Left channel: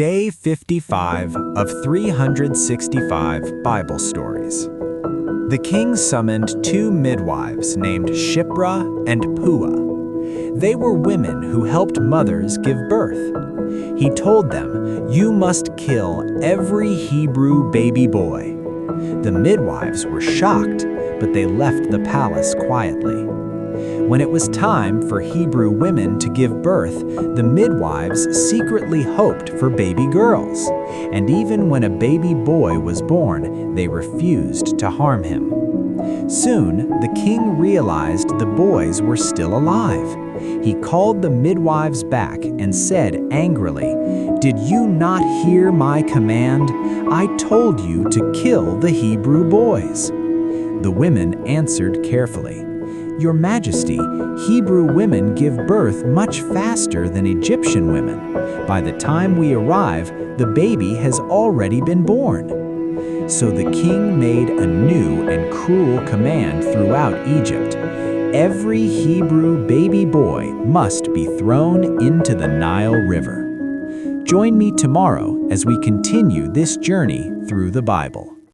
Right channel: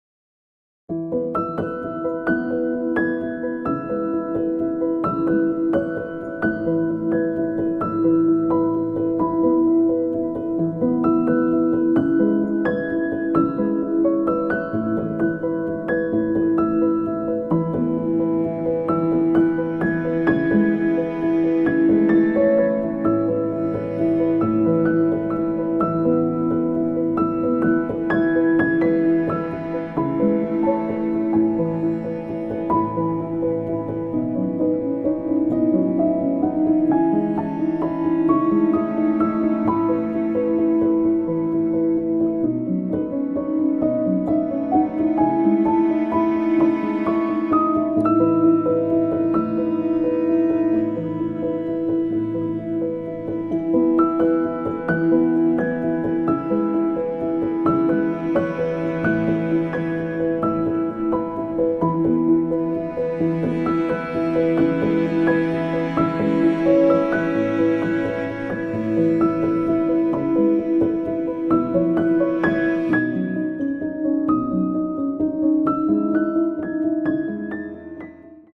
Day 55 of 365 Bible Stories. The king summoned two midwives named Shiphrah and Puah. They were women who helped mothers give birth. He told them, "You must kill every Hebrew baby boy." The midwives were shocked, but they left the palace quietly. When it was time for Hebrew women to give birth, the midwives secretly hoped for baby girls. And even when a baby boy was born, they refused to harm him. Soon, the king realized the boys were still alive. He called the midwives back and said angrily, "Did you not hear my command? I told you to kill the Hebrew boys." The women answered carefully, "Your Majesty, Hebrew women give birth much faster than Egyptian women. By the time we arrive, the baby has already been born." So the king made a new and cruel command throughout Egypt. Every Hebrew baby boy must be thrown into the Nile River. Join me tomorrow as we continue this journey through the Bible.